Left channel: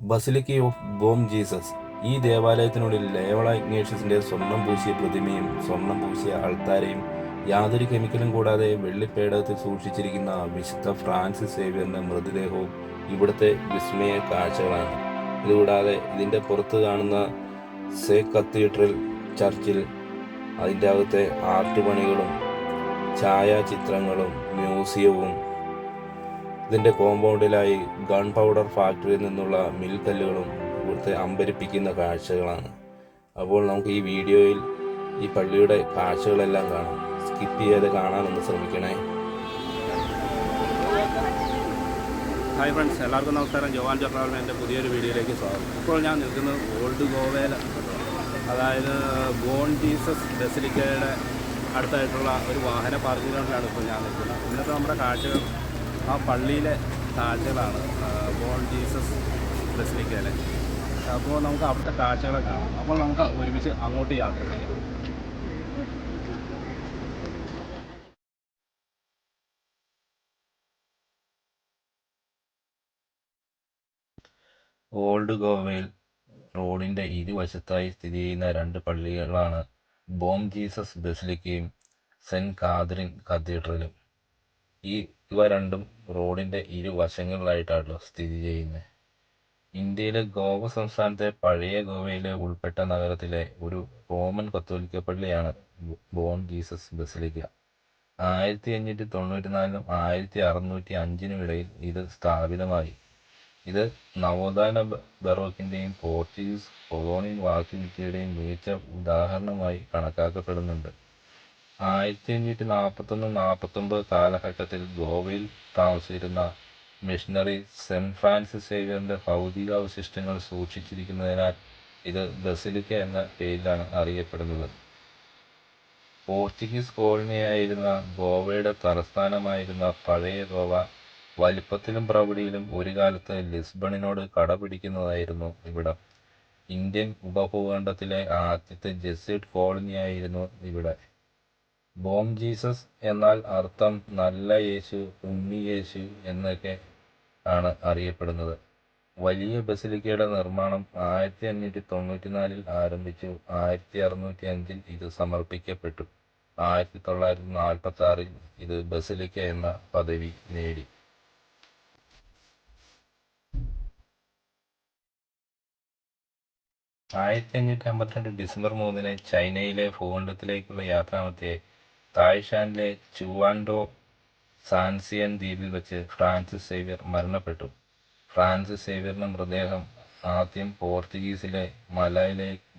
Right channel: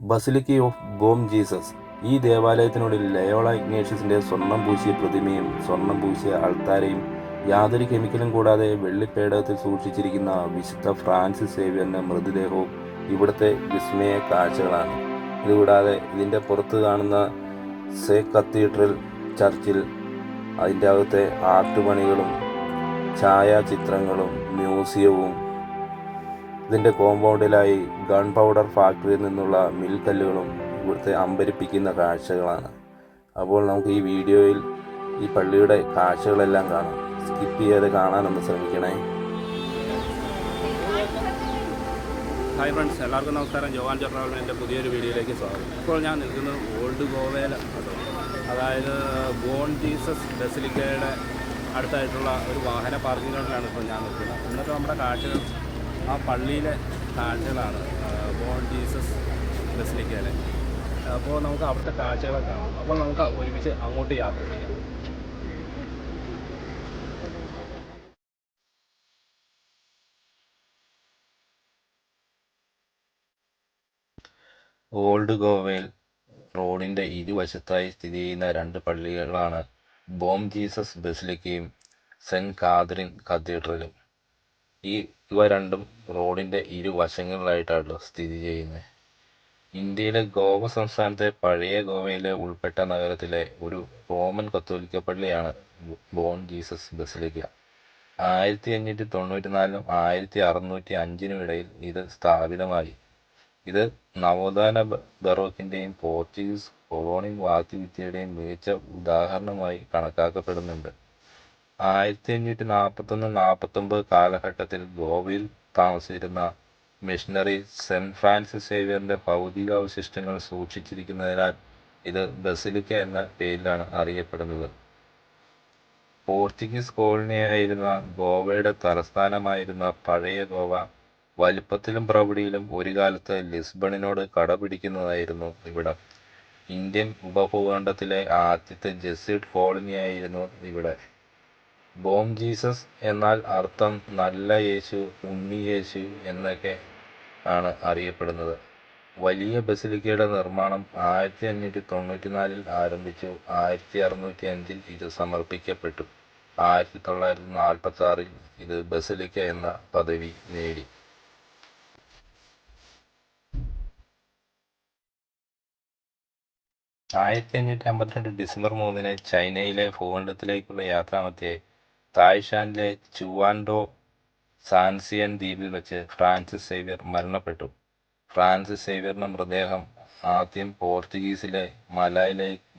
Basilica of Bohm Jesus. ഈ ദേവാലയത്തിനുള്ളിൽ Loyola ഇഗ്നേഷ്യസിന്റെ സ്വർണം പൂശിയ പ്രതിമയും സ്വർണം പൂശിയ അൾത്താരയും യാതൊരു കെമിക്കലും കൂടാതെ വെള്ളിപ്പേടകത്തിൽ സൂക്ഷിച്ചിരിക്കുന്ന വിശുദ്ധ ഫ്രാൻസിസ് സേവ്യറിന്റെ മൃതദേഹവും ഇവിടുത്തെ വിസ്മയ കാഴ്ചകളാണ്. ഇതുകൂടാതെ ഇതിൻ്റെ പുറത്ത് കാണുന്ന സേ കത്തീഡ്രൽ ചർച്ചിൽ അതിൻ്റെ അകത്തെ ആർട്ട് പണികളും ഛായാചിത്രങ്ങളും മ്യൂസിയവും ഇതിൻ്റെ കോമ്പൗണ്ടിലായി ഗൺ പൗഡർ ഫാക്ടറിയിൽ നിന്നുള്ള മിൽക്കല്ലുകളും ഇവിടുത്തെ അമ്പരിപ്പിക്കുന്ന കാഴ്ചകളാണ്. അപ്പോൾ നമുക്ക് ഈ വീഡിയോയിൽ ഈ പള്ളിയുടെ കാഴ്ചകളെല്ലാം കാണാം. സ്കിപ്പ് ചെയ്യാതെ കാണാനൊന്ന് ശ്രമിക്കണേ. ഹായ് ഫ്രണ്ട്സ്, എല്ലാവർക്കും നമസ്കാരം. ജോവാൻ ട്രാവലിൻ്റെ പുതിയൊരു വീഡിയോയിലേക്ക് സ്വാഗതം. ഇപ്പോൾ ഞാൻ നിൽക്കുന്നത് ഓൾഡ് ഗോവയിൽ കേട്ടോ, അതായത് ബോൺ ജീസസ് ബസിലിക്കയുടെ അടുത്തായിട്ടുള്ള ഒരു വാഹന പാർക്കിംഗ് ഗ്രൗണ്ടിലാണ് ഇപ്പോൾ ഞാൻ നിൽക്കുന്നത്. ഇന്നത്തെ നമ്മുടെ കാഴ്ചകൾ ആ പള്ളിയിലെ കാഴ്ചകളാണ്, ബോൺ ജീസസ് ബസിലിക്കയിലെ. അപ്പോൾ നമുക്ക് അവിടുത്തെ കാഴ്ചകളൊക്കെ കാണാം. അപ്പോൾ നമുക്ക് ഒരുമിച്ച് അങ്ങോട്ട് യാത്ര ചെയ്യാം. ഓൾഡ് ഗോവയിൽ റോഡിൻ്റെ ഇരുവശത്തായി സ്ഥിതി ചെയ്യുന്ന രണ്ട് പള്ളികളാണ് ബോം ജീസസ് ബസിലിക്കയും സെൻറ്റ് കാതറിൻ കത്തീഡ്രലും. ഇവ രണ്ടും റോഡിൻ്റെ ഇരുവശങ്ങളിലായിട്ടാണ് സ്ഥിതി ചെയ്യുന്നത്. ഇന്ത്യയിലെ ഗോവ സംസ്ഥാനത്തെ പഴയ ഗോവയിലെ ഉൾപ്പെട്ട നഗരത്തിലെ ഒരു റോമൻ കത്തോലിക്ക പള്ളിയാണ് ബോൺ ജീസസ് ബസിലിക്ക. 1594 1605 ഇടയിൽ ഇത് സ്ഥാപിതമായി. ഇത് നവോത്ഥാന ബറോക്കിൻ്റെയും പോർച്ചുഗീസ് കൊളോണിയൽ വാസ്തുവിദ്യയുടെയും മികച്ച ഉദാഹരണമായി കണക്കാക്കപ്പെടുന്നുണ്ട്. 1541-49 കാലഘട്ടത്തിൽ ഗോവയിൽ താമസിച്ചിരുന്ന മിഷണറി സെൻറ്റ് ഫ്രാൻസിസ് സേവ്യറിൻ്റെ ഭൗതികാവശിഷ്ടങ്ങൾ സൂക്ഷിച്ചിരിക്കുന്നതിനാൽ ഇത് ബസിലിക്ക എന്ന പേരിലാണ് അറിയപ്പെടുന്നത്. പോർച്ചുഗീസ് കോളനിയായിരുന്ന ഗോവയുടെ തലസ്ഥാനമായിരുന്ന പഴയ ഗോവ വലിപ്പത്തിലും പ്രൗഢിയിലും ഒരു കാലത്ത് ലിസ്ബണിനോട് കടപിടിക്കുന്നതായിരുന്നു ഇവിടം. ഇന്ത്യൻ ഉപഭൂഖണ്ഡത്തിലെ ആദ്യത്തെ ജെസ്യൂട്ട് കോളനിയായിരുന്നു ഇവിടെ. ബോം ജീസസ് എന്നാൽ അർത്ഥം നല്ല യേശു, ഉണ്ണി യേശു എന്നൊക്കെ ആണ് അറിയപ്പെടുന്നത്. വലിയ ബസിലിക്കയുടെ നിർമ്മാണം 1594 ആരംഭിച്ചു. 1605 ഇത് സമർപ്പിക്കപ്പെട്ടു. 1946 ഇത് ബസിലിക്ക എന്ന പദവി നേടി. 1552 ഡിസംബർ 3 ചൈനയിലെ ഭൂഖണ്ഡത്തിലേക്കുള്ള യാത്രാമധ്യേ തായ്ഷാനിലെ ചുവാൻഡോ സാൻസിയൻ ദ്വീപിൽ വെച്ച് ഫ്രാൻസിസ് സേവ്യർ മരണപ്പെട്ടു. ഫ്രാൻസിസ് സേവ്യറിന്റെ മൃതദേഹം ആദ്യം പോർച്ചുഗീസിലെ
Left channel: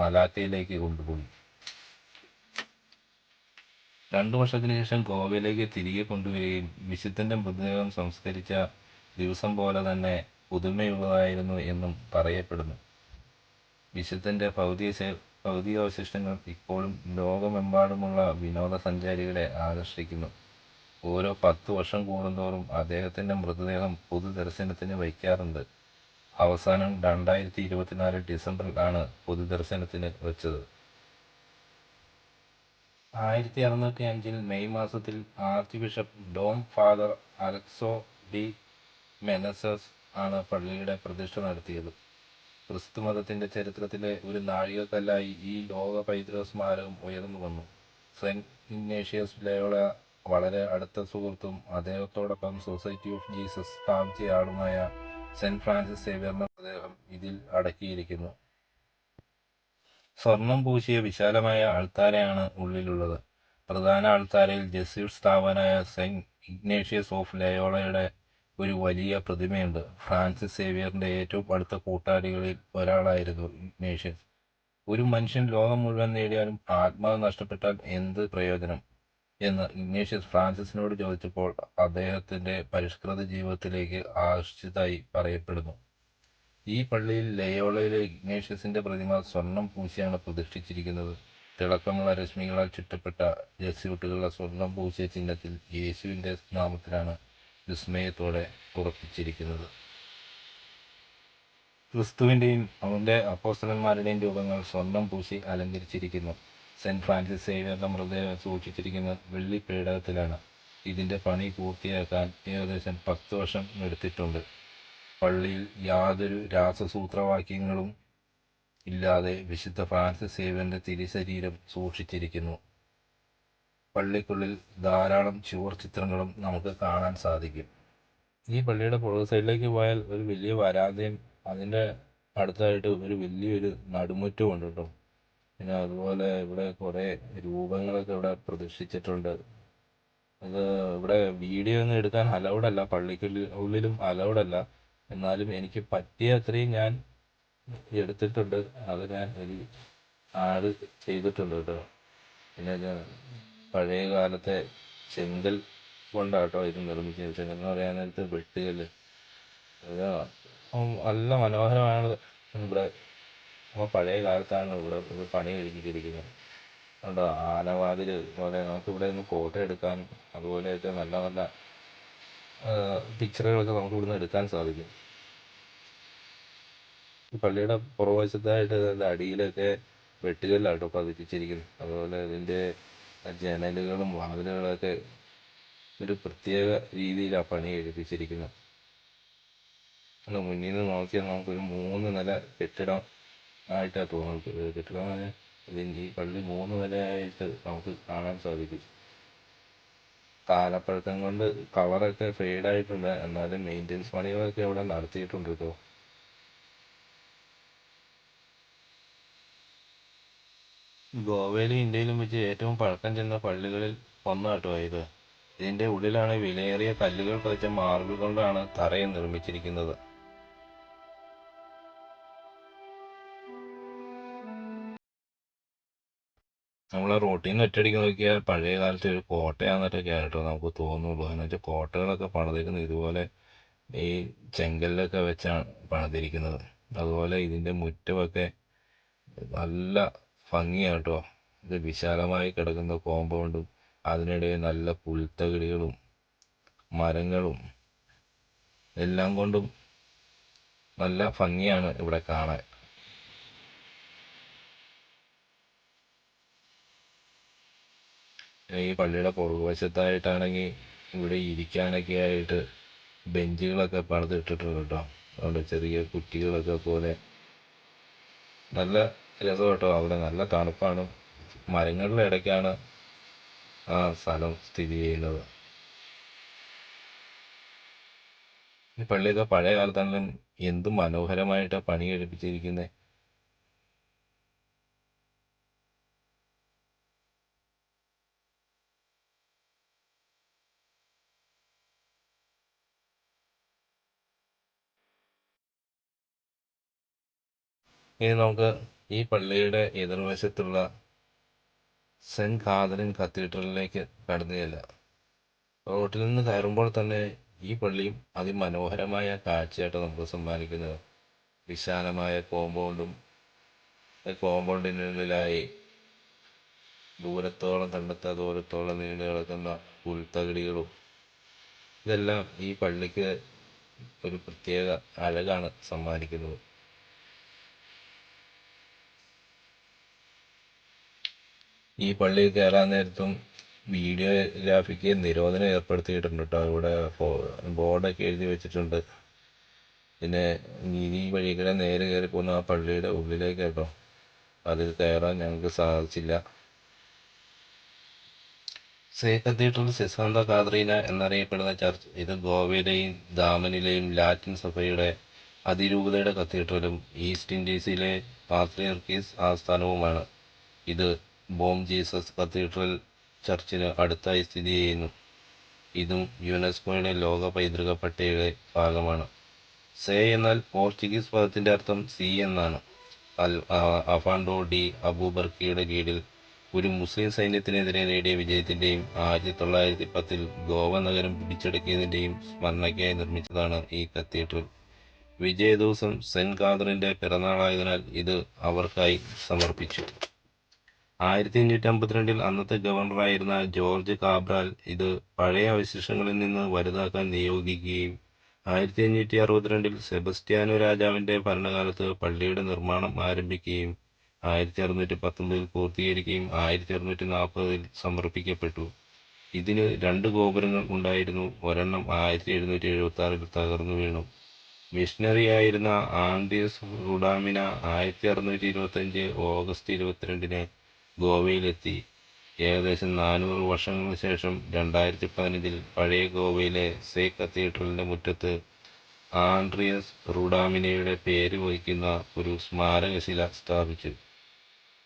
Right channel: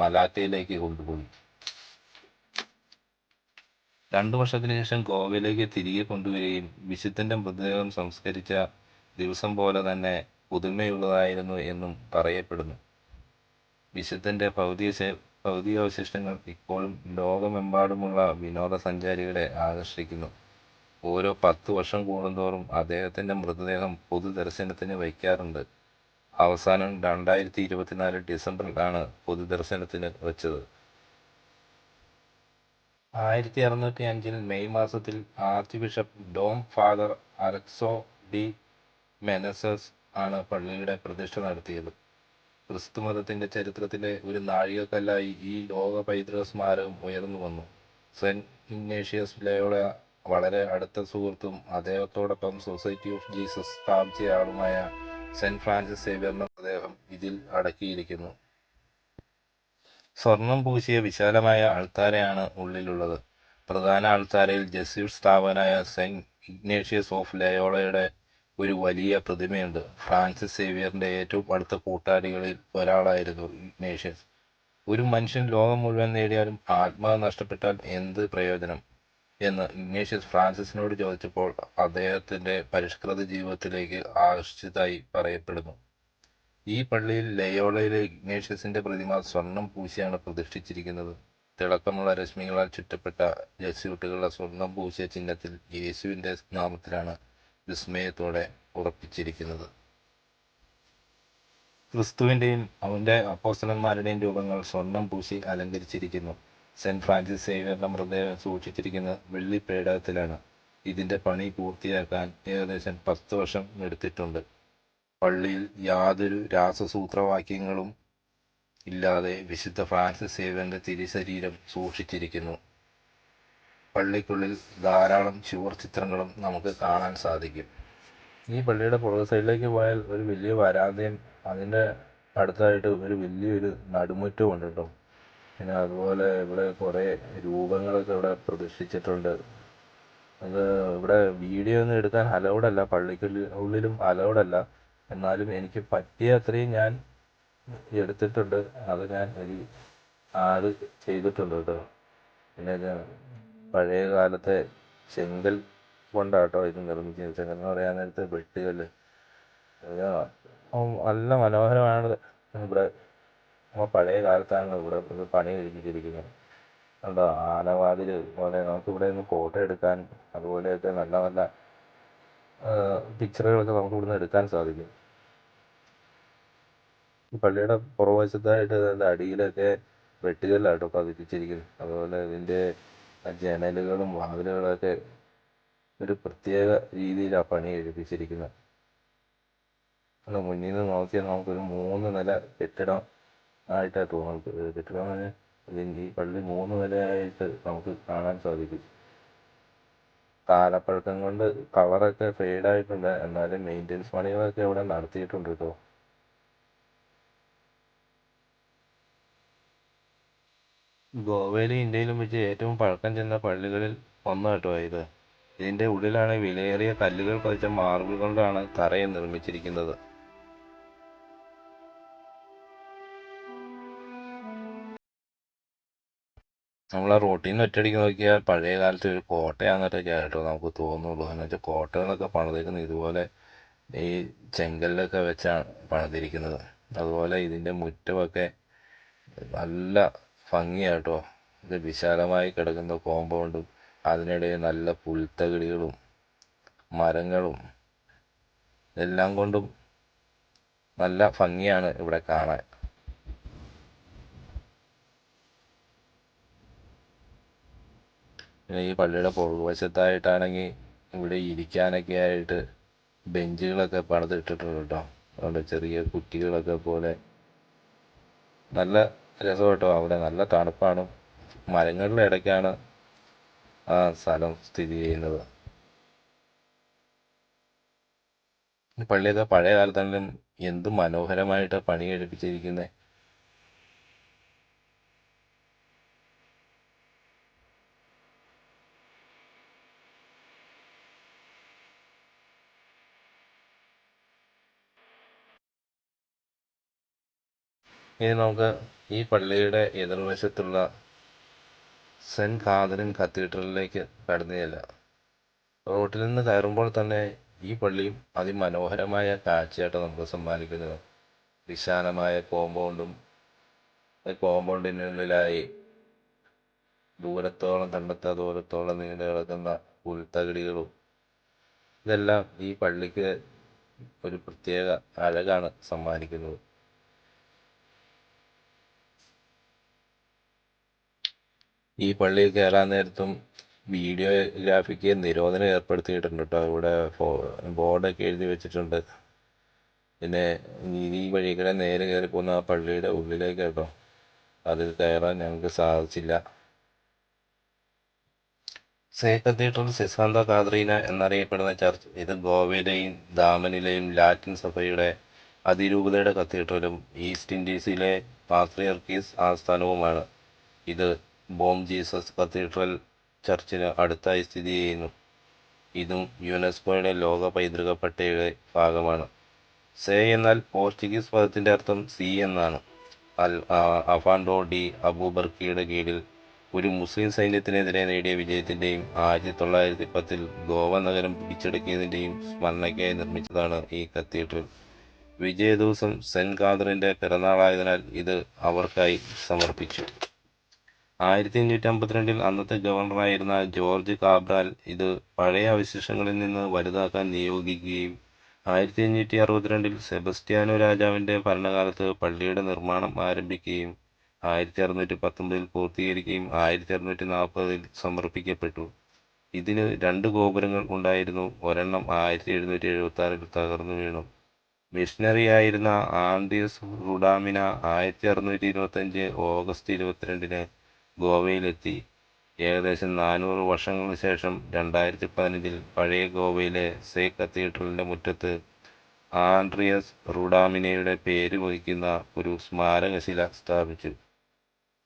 മലാക്കയിലേക്ക് കൊണ്ടുപോയി. 2 വർഷത്തിനു ശേഷം ഗോവയിലേക്ക് തിരികെ കൊണ്ടുവരികയും വിശുദ്ധന്റെ മൃതദേഹം സംസ്കരിച്ച ദിവസം പോലെ തന്നെ പുതുമയുള്ളതായിരുന്നു എന്നും പറയപ്പെടുന്നു. വിശുദ്ധന്റെ ഭൗതികാവശിഷ്ടങ്ങൾ ഇപ്പോഴും ലോകമെമ്പാടുമുള്ള വിനോദസഞ്ചാരികളെ ആകർഷിക്കുന്നു. ഓരോ 10 വർഷം കൂടുന്തോറും അദ്ദേഹത്തിന്റെ മൃതദേഹം പൊതുദർശനത്തിന് വയ്ക്കാറുണ്ട്. അവസാനം 2024 ഡിസംബറിലാണ് പൊതുദർശനത്തിന് വച്ചത്. 1605 മെയ് മാസത്തിൽ archbishop Dom Father Aleixo de Menezes ആണ് പള്ളിയുടെ പ്രതിഷ്ഠ നടത്തിയത്. ക്രിസ്തുമതത്തിന്റെ ചരിത്രത്തിലെ ഒരു നാഴികക്കല്ലായി ഈ ലോക പൈതൃക സ്മാരകം ഉയർന്നു വന്നു. സെന്റ് ഇഗ്നേഷ്യസ് ലയോള വളരെ അടുത്ത സുഹൃത്തും അദ്ദേഹത്തോടൊപ്പം സൊസൈറ്റി ഓഫ് ജീസസ് സ്ഥാപിച്ചയാളുമായ സെന്റ് ഫ്രാൻസിസ് സേവ്യറിന്റെ മൃതദേഹം ഇതിൽ അടക്കിയിരിക്കുന്നു. സ്വർണം പൂശിയ വിശാലമായ അൾത്താരയാണ് ഉള്ളിലുള്ളത്. പ്രധാന അൾത്താരയിൽ ജെസ്യൂട്ട് സ്ഥാപകനായ സെന്റ് ഇഗ്നേഷ്യസ് ഓഫ് ലയോളയുടെ ഒരു വലിയ പ്രതിമയുണ്ട്. ഫ്രാൻസിസ് സേവ്യറിന്റെ ഏറ്റവും അടുത്ത കൂട്ടാളികളിൽ ഒരാളായിരുന്നു ഇഗ്നേഷ്യസ്. ഒരു മനുഷ്യൻ ലോകം മുഴുവൻ നേടിയാലും ആത്മാവ് നഷ്ടപ്പെട്ടാൽ എന്ത് പ്രയോജനം എന്ന് ഇഗ്നേഷ്യസ് ഫ്രാൻസിസിനോട് ചോദിച്ചപ്പോൾ അദ്ദേഹത്തിന്റെ പരിഷ്കൃത ജീവിതത്തിലേക്ക് ആകർഷിച്ചതായി പറയപ്പെടുന്നു. ഈ പള്ളിയിൽ ലയോളയിലെ ഇഗ്നേഷ്യസിന്റെ പ്രതിമ സ്വർണം പൂശിയാണ് പ്രതിഷ്ഠിച്ചിരിക്കുന്നത്. തിളക്കമുള്ള രശ്മികളാൽ ചുറ്റപ്പെട്ട ജെസ്യൂട്ടുകളുടെ സ്വർണം പൂശിയ ചിഹ്നത്തിൽ യേശുവിന്റെ നാമത്തിലാണ് വിസ്മയത്തോടെ ഉറപ്പിച്ചിരിക്കുന്നത്. ക്രിസ്തുവിന്റെയും അവന്റെ അപ്പോസ്തലന്മാരുടെയും രൂപങ്ങൾ സ്വർണം പൂശി അലങ്കരിച്ചിരിക്കുന്നു. സെന്റ് ഫ്രാൻസിസ് സേവ്യറിന്റെ മൃതദേഹം സൂക്ഷിച്ചിരിക്കുന്നത് വെള്ളിപ്പേടകത്തിലാണ്. ഇതിന്റെ പണി പൂർത്തിയാക്കാൻ ഏകദേശം 10 വർഷം എടുത്തിട്ടുണ്ട്. പള്ളിയിൽ യാതൊരു രാസസൂത്രവാക്യങ്ങളും ഇല്ലാതെ വിശുദ്ധ ഫ്രാൻസിസ് സേവ്യറിന്റെ തിരുശരീരം സൂക്ഷിച്ചിരിക്കുന്നു. പള്ളിക്കുള്ളിൽ ധാരാളം ചുവർ ചിത്രങ്ങളും നമുക്ക് കാണാൻ സാധിക്കും. ഈ പള്ളിയുടെ പുറകു സൈഡിലേക്ക് പോയാൽ ഒരു വലിയ വരാന്തയും അതിൻ്റെ അടുത്തായിട്ട് ഒരു വലിയൊരു നടുമുറ്റവും ഉണ്ട് കേട്ടോ. പിന്നെ അതുപോലെ ഇവിടെ കുറേ രൂപങ്ങളൊക്കെ ഇവിടെ പ്രതിഷ്ഠിച്ചിട്ടുണ്ട്. അത് ഇവിടെ വീഡിയോ ഒന്നും എടുക്കാൻ അലൗഡല്ല, ഉള്ളിലും അലൗഡല്ല. എന്നാലും എനിക്ക് പറ്റിയ അത്രയും ഞാൻ എടുത്തിട്ടുണ്ട്. അത് ഞാൻ ഒരു ആഡ് ചെയ്തിട്ടുണ്ട് കേട്ടോ. പിന്നെ പഴയ കാലത്തെ ചെങ്കൽ കൊണ്ടാട്ടോ ഇത് നിർമ്മിച്ചത്. ചെങ്കൽ എന്ന് പറയാൻ നേരത്ത് വെട്ടുകല്ല്. നല്ല മനോഹരമാണ്. ഇവിടെ പഴയ കാലത്താണ് ഇവിടെ ഇത് പണി കഴിപ്പിച്ചിരിക്കുന്നത്. കണ്ടോ, ആനവാതിൽ പോലെ നമുക്കിവിടെ നിന്ന് ഫോട്ടോ എടുക്കാൻ അതുപോലെയൊക്കെ നല്ല നല്ല പിക്ചറുകളൊക്കെ നമുക്ക് ഇവിടുന്ന് എടുക്കാൻ സാധിക്കും. ഈ പള്ളിയുടെ പുറകുവശത്തായിട്ട് അടിയിലൊക്കെ വെട്ടുകല്ലാട്ടോ പതിപ്പിച്ചിരിക്കുന്നത്. അതുപോലെ ഇതിൻ്റെ ജനലുകളും വാതിലുകളൊക്കെ ഒരു പ്രത്യേക രീതിയിലാണ് പണി കഴിപ്പിച്ചിരിക്കുന്നത്. മുന്നിൽ നിന്ന് നോക്കിയാൽ നമുക്കൊരു 3 നില കെട്ടിടം ആയിട്ടാണ് തോന്നുന്നത്. കെട്ടിടം ഈ പള്ളി 3 നിലയായിട്ട് നമുക്ക് കാണാൻ സാധിക്കും. കാലപ്പഴക്കം കൊണ്ട് കളറൊക്കെ ഫെയ്ഡായിട്ടുണ്ട്. എന്നാലും മെയിൻ്റെനൻസ് പണികളൊക്കെ ഇവിടെ നടത്തിയിട്ടുണ്ട് കേട്ടോ. ഗോവയിലും ഇന്ത്യയിലും വെച്ച് ഏറ്റവും പഴക്കം ചെന്ന പള്ളികളിൽ ഒന്ന് കേട്ടോ ഇത്. ഇതിൻ്റെ ഉള്ളിലാണ് വിലയേറിയ കല്ലുകൾ പതിച്ച മാർബിൾ കൊണ്ടാണ് തറയെ നിർമ്മിച്ചിരിക്കുന്നത്. നമ്മൾ ആ റോട്ടിൽ നിന്ന് ഒറ്റയടിക്ക് നോക്കിയാൽ പഴയ കാലത്ത് ഒരു കോട്ടയാണെന്നൊക്കെ കേട്ടോ നമുക്ക് തോന്നുള്ളൂ. എന്ന് വെച്ചാൽ കോട്ടകളൊക്കെ പണിതിരിക്കുന്നത് ഇതുപോലെ ഈ ചെങ്കല്ലൊക്കെ വെച്ചാണ് പണിതിരിക്കുന്നത്. അതുപോലെ ഇതിൻ്റെ മുറ്റമൊക്കെ നല്ല ഭംഗിയാട്ടോ. ഇത് വിശാലമായി കിടക്കുന്ന കോമ്പൗണ്ടും അതിനിടയിൽ നല്ല പുൽത്തകിടികളും മരങ്ങളും എല്ലാം കൊണ്ടും നല്ല ഭംഗിയാണ് ഇവിടെ കാണാൻ. ഈ പള്ളിയുടെ പുറകുവശത്തായിട്ടാണെങ്കിൽ ഇവിടെ ഇരിക്കാനൊക്കെ ആയിട്ട് ബെഞ്ചുകളൊക്കെ പണിതിട്ടിട്ടുണ്ട് കേട്ടോ. അതുകൊണ്ട് ചെറിയ കുട്ടികളൊക്കെ പോലെ നല്ല രസം കേട്ടോ. അവിടെ നല്ല തണുപ്പാണ്. മരങ്ങളുടെ ഇടയ്ക്കാണ് ആ സ്ഥലം സ്ഥിതി ചെയ്യുന്നത്. ഈ പള്ളിയൊക്കെ പഴയ കാലത്താണെങ്കിലും എന്ത് മനോഹരമായിട്ടാണ് പണി കഴിപ്പിച്ചിരിക്കുന്നത്. ഇനി നമുക്ക് ഈ പള്ളിയുടെ എതിർവശത്തുള്ള സെൻറ്റ് കാതറിൻ കത്തീഡ്രലിലേക്ക് കടന്നു ചെല്ലാം. റോട്ടിൽ നിന്ന് കയറുമ്പോൾ തന്നെ ഈ പള്ളിയും അതിമനോഹരമായ കാഴ്ചയായിട്ട് നമുക്ക് സമ്മാനിക്കുന്നത്. വിശാലമായ കോമ്പൗണ്ടിനുള്ളിലായി ദൂരത്തോളം കണ്ടെത്താ ദൂരത്തോളം നീണ്ടു കിടക്കുന്ന പുൽത്തകിടികളും ഇതെല്ലാം ഈ പള്ളിക്ക് ഒരു പ്രത്യേക അഴകാണ് സമ്മാനിക്കുന്നത്. ഈ പള്ളിയിൽ കയറാൻ നേരത്തും വീഡിയോഗ്രാഫിക്ക് നിരോധനം ഏർപ്പെടുത്തിയിട്ടുണ്ട് കേട്ടോ. ഇവിടെ ബോർഡൊക്കെ എഴുതി വെച്ചിട്ടുണ്ട്. പിന്നെ ഈ വഴികളെ നേരെ കയറി പോകുന്ന ആ പള്ളിയുടെ ഉള്ളിലേക്ക് കേട്ടോ. അതിൽ കയറാൻ ഞങ്ങൾക്ക് സാധിച്ചില്ല. കത്തീഡ്രൽ സിസാന്ത കാതറീന എന്നറിയപ്പെടുന്ന ചർച്ച് ഇത് ഗോവയിലെയും ദാമനിലെയും ലാറ്റിൻ സഭയുടെ അതിരൂപതയുടെ കത്തീഡ്രലും ഈസ്റ്റ് ഇൻഡീസിലെ പാത്രിയർക്കീസ് ആസ്ഥാനവുമാണ്. ഇത് ബോം ജീസസ് കത്തീഡ്രൽ ചർച്ചിന് അടുത്തായി സ്ഥിതി ചെയ്യുന്നു. ഇതും യുനെസ്കോയുടെ ലോക പൈതൃക പട്ടികയുടെ ഭാഗമാണ്. എന്നാൽ പോർച്ചുഗീസ് പദത്തിൻ്റെ അർത്ഥം സി എന്നാണ്. അഫാൻഡോ ഡി അബൂബർക്കിയുടെ കീഴിൽ ഒരു മുസ്ലിം സൈന്യത്തിനെതിരെ നേടിയ വിജയത്തിൻ്റെയും 1910 ഗോവ നഗരം പിടിച്ചെടുക്കിയതിൻ്റെയും സ്മരണയ്ക്കായി നിർമ്മിച്ചതാണ് ഈ കത്തീഡ്രൽ. വിജയ ദിവസം സെൻറ്റ് കാതറിൻ്റെ പിറന്നാളായതിനാൽ ഇത് അവർക്കായി സമർപ്പിച്ചു. 1552 അന്നത്തെ ഗവർണറായിരുന്ന ജോർജ് കാബ്രാൽ ഇത് പഴയ അവശിഷ്ടങ്ങളിൽ നിന്ന് വലുതാക്കാൻ നിയോഗിക്കുകയും 1562 സെബസ്ത്യാനോ രാജാവിൻ്റെ ഭരണകാലത്ത് പള്ളിയുടെ നിർമ്മാണം ആരംഭിക്കുകയും 1619 പൂർത്തീകരിക്കുകയും 1640 സമർപ്പിക്കപ്പെട്ടു. ഇതിന് 2 ഗോപുരങ്ങൾ ഉണ്ടായിരുന്നു. ഒരെണ്ണം 1776 തകർന്നു വീണു. മിഷണറിയായിരുന്ന ആൻഡ്രിയസ് റുഡാമിന 1625 ഓഗസ്റ്റ് 22 ഗോവയിലെത്തി. ഏകദേശം 400 വർഷങ്ങൾക്ക് ശേഷം 2015 പഴയ ഗോവയിലെ സേ കത്തീഡ്രലിൻ്റെ മുറ്റത്ത് ആൻഡ്രിയസ് റുഡാമിനയുടെ പേര് വഹിക്കുന്ന ഒരു സ്മാരകശില സ്ഥാപിച്ചു.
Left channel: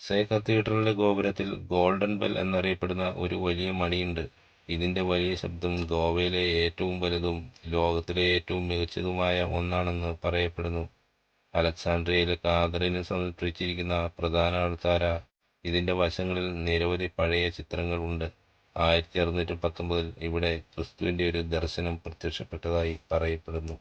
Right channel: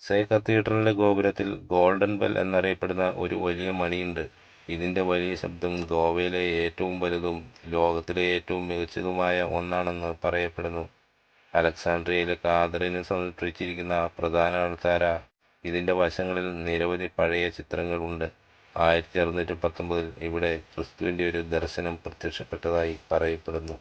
സേ കത്തീഡ്രലിൻ്റെ ഗോപുരത്തിൽ ഗോൾഡൻ ബെൽ എന്നറിയപ്പെടുന്ന ഒരു വലിയ മണിയുണ്ട്. ഇതിൻ്റെ വലിയ ശബ്ദം ഗോവയിലെ ഏറ്റവും വലുതും ലോകത്തിലെ ഏറ്റവും മികച്ചതുമായ ഒന്നാണെന്ന് പറയപ്പെടുന്നു. അലക്സാണ്ട്രിയയിലെ കാതറിന് സമർപ്പിച്ചിരിക്കുന്ന പ്രധാന അൾത്താര ഇതിൻ്റെ വശങ്ങളിൽ നിരവധി പഴയ ചിത്രങ്ങൾ ഉണ്ട്. 1619 ഇവിടെ ക്രിസ്തുവിൻ്റെ ഒരു ദർശനം പ്രത്യക്ഷപ്പെട്ടതായി പറയപ്പെടുന്നു.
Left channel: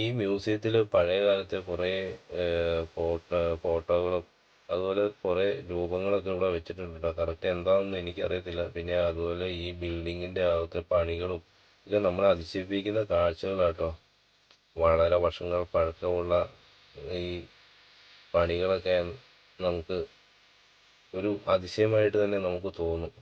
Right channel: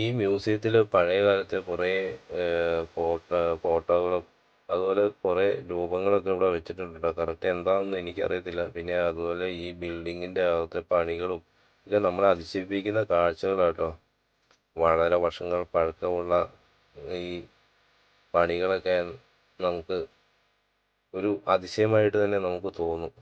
ഈ മ്യൂസിയത്തിൽ പഴയ കാലത്തെ കുറേ ഫോട്ടോകളും അതുപോലെ കുറേ രൂപങ്ങളൊക്കെ ഇവിടെ വെച്ചിട്ടുണ്ട് കേട്ടോ. കറക്റ്റ് എന്താണെന്ന് എനിക്കറിയത്തില്ല. പിന്നെ അതുപോലെ ഈ ബിൽഡിങ്ങിൻ്റെ അകത്തെ പണികളും ഇത് നമ്മളെ അതിശയിപ്പിക്കുന്ന കാഴ്ചകളാട്ടോ. വളരെ വർഷങ്ങൾ പഴക്കമുള്ള ഈ പണികളൊക്കെ നമുക്ക് ഒരു അതിശയമായിട്ട് തന്നെ നമുക്ക് തോന്നും.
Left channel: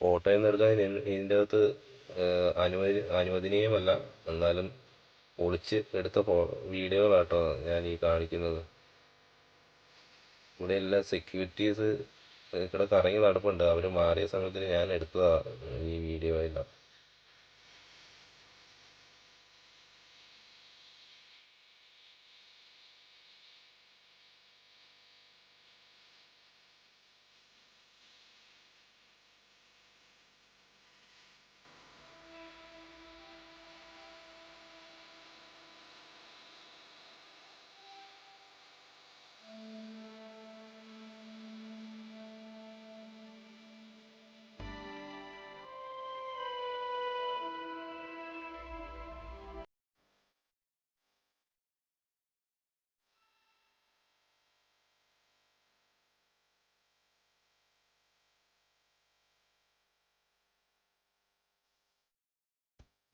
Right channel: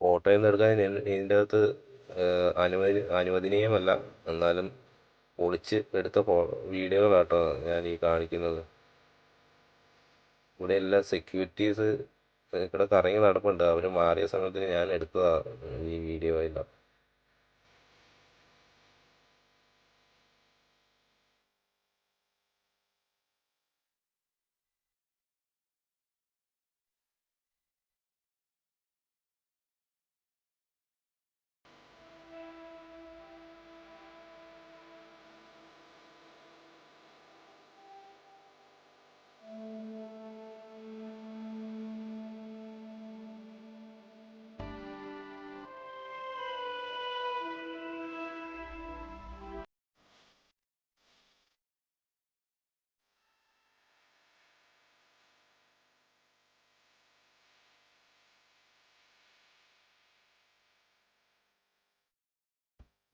ഫോട്ടോയൊന്നും എടുക്കാൻ ഇതിൻ്റെ അകത്ത് അനുവദനീയമല്ല. എന്നാലും ഒളിച്ച് എടുത്ത വീഡിയോകളാട്ടോ ഞാൻ ഈ കാണിക്കുന്നത്. ഇവിടെ എല്ലാ സെക്യൂരിറ്റീസ് ഇവിടെ കറങ്ങി നടപ്പുണ്ട്. അവർ മാറിയ സമയത്ത് ഞാൻ എടുത്തതാണ് ഈ വീഡിയോ എല്ലാം.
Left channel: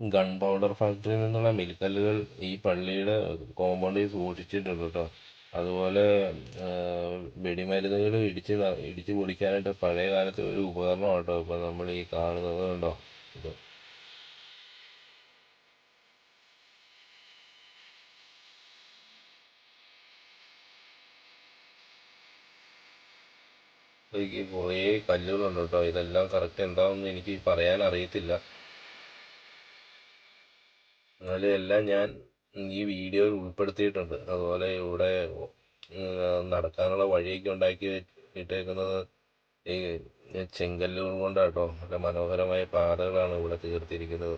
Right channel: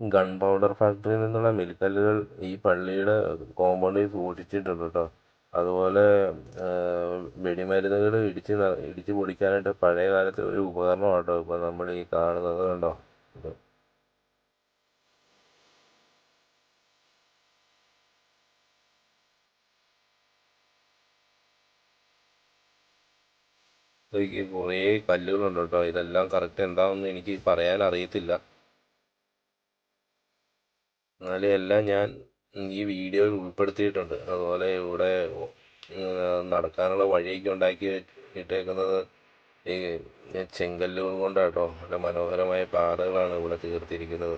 ഗൺ പൗഡർ ഫാക്ടറിയിൽ നിന്നുള്ള മിൽക്കല്ലുകൾ ഈ പള്ളിയുടെ കോമ്പൗണ്ടിൽ സൂക്ഷിച്ചിട്ടുണ്ട് കേട്ടോ. അതുപോലെ വെടിമരുന്നുകൾ ഇടിച്ച് പൊടിക്കാനായിട്ട് പഴയ കാലത്തെ ഒരു ഉപകരണം കേട്ടോ ഇപ്പം നമ്മൾ ഈ കാണുന്നത് കണ്ടോ. കുറേ കല്ലുകളുണ്ട് കേട്ടോ. ഇതെല്ലാം കറക്റ്റ് എന്താണെന്ന് എനിക്ക് പറയാൻ അറിയത്തില്ല. എന്നാലും എല്ലാം ഞാൻ ഈ വീഡിയോയിൽ ഉൾപ്പെടുത്തിയിട്ടുണ്ട്. അതുപോലെ ഇവിടെ നടക്കാനുള്ള വഴിയൊക്കെ ഉണ്ടാക്കി ഇട്ടേക്കുന്നത് ഈ ചെങ്കല്ലുകൾ കൊണ്ടാട്ടോ. നല്ല മനോഹരമായ പാതകളാണ് ഇവിടെ തീർത്തിരിക്കുന്നത്.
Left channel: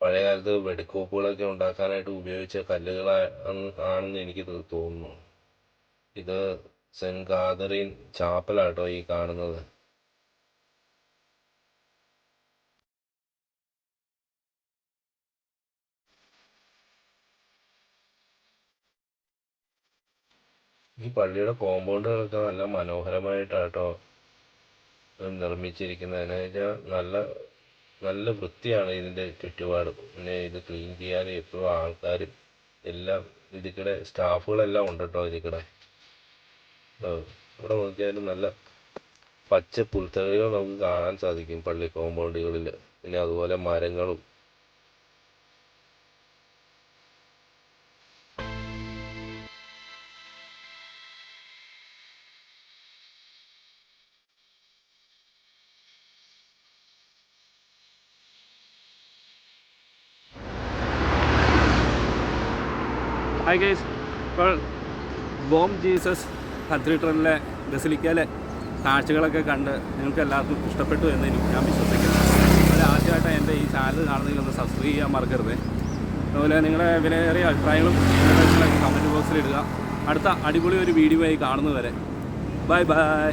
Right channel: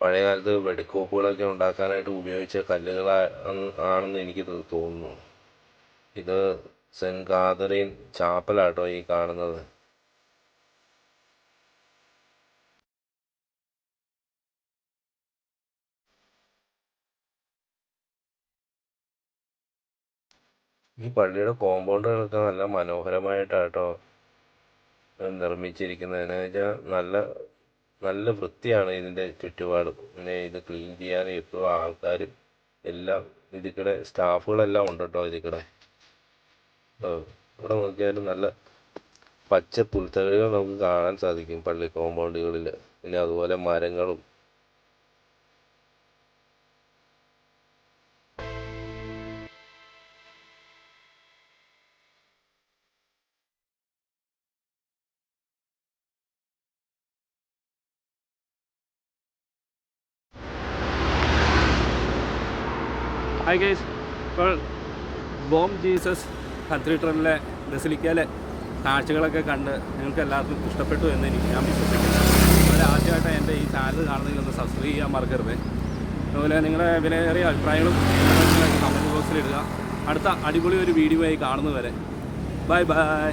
പഴയ കാലത്ത് വെടിക്കോപ്പുകളൊക്കെ ഉണ്ടാക്കാനായിട്ട് ഉപയോഗിച്ച കല്ലുകളാണെന്ന് എനിക്ക് തോന്നുന്നു. ഇത് സെൻറ്റ് കാതറീൻ ചാപ്പലാട്ടോ ഈ കാണുന്നത്. ഈ പള്ളിയുടെ കോമ്പൗണ്ടുകളൊക്കെ നല്ല മനോഹരമായിട്ടാട്ടോ നിർമ്മിച്ചിരിക്കുന്നത്. എന്ന് വെച്ചാൽ നല്ല വൃത്തിയാണ് ഇതിൻ്റെ ചുറ്റുപാടും. പിന്നെ ഇത് ക്ലീൻ ചെയ്യാൻ എപ്പോഴും ആൾക്കാരും എല്ലാം ഇതിൽക്കൂടെ സ്റ്റാഫുകളെല്ലാം ഉണ്ട് കേട്ടോ. ഇതിൽക്കൂടെ ഇവിടെ നോക്കിയാലും നല്ല പച്ച പുൽത്തകിടികൾ നമുക്ക് കാണാൻ സാധിക്കും പള്ളി കോമ്പൗണ്ടുകളിൽ. പിന്നെ അതുപോലെ മരങ്ങളും. ഹായ് ഗൈസ്, ഇപ്പോൾ ബോം ജീസസ് കത്തീഡ്രലിലെ ബസിലിക്കയിലെ കാഴ്ചകളൊക്കെ കണ്ട് നിങ്ങൾക്ക് എല്ലാവർക്കും ഇഷ്ടപ്പെട്ടു എന്ന് ഞാൻ വിശ്വസിക്കുന്നു. അതുപോലെ ആദ്യമായിട്ട് എൻ്റെ ഈ ചാനൽ കാണുന്നതിൽ ഒന്ന് സബ്സ്ക്രൈബ് ചെയ്യാൻ മറക്കരുത്. അതുപോലെ നിങ്ങളുടെ വിലയേറിയ അഭിപ്രായങ്ങളും നിർദ്ദേശങ്ങളൊക്കെ കമൻറ്റ് ബോക്സിൽ ഇടുക. അടുത്ത അടിപൊളി ഒരു വീഡിയോ ആയി കാണുന്നതുവരെ ബൈ ബൈ.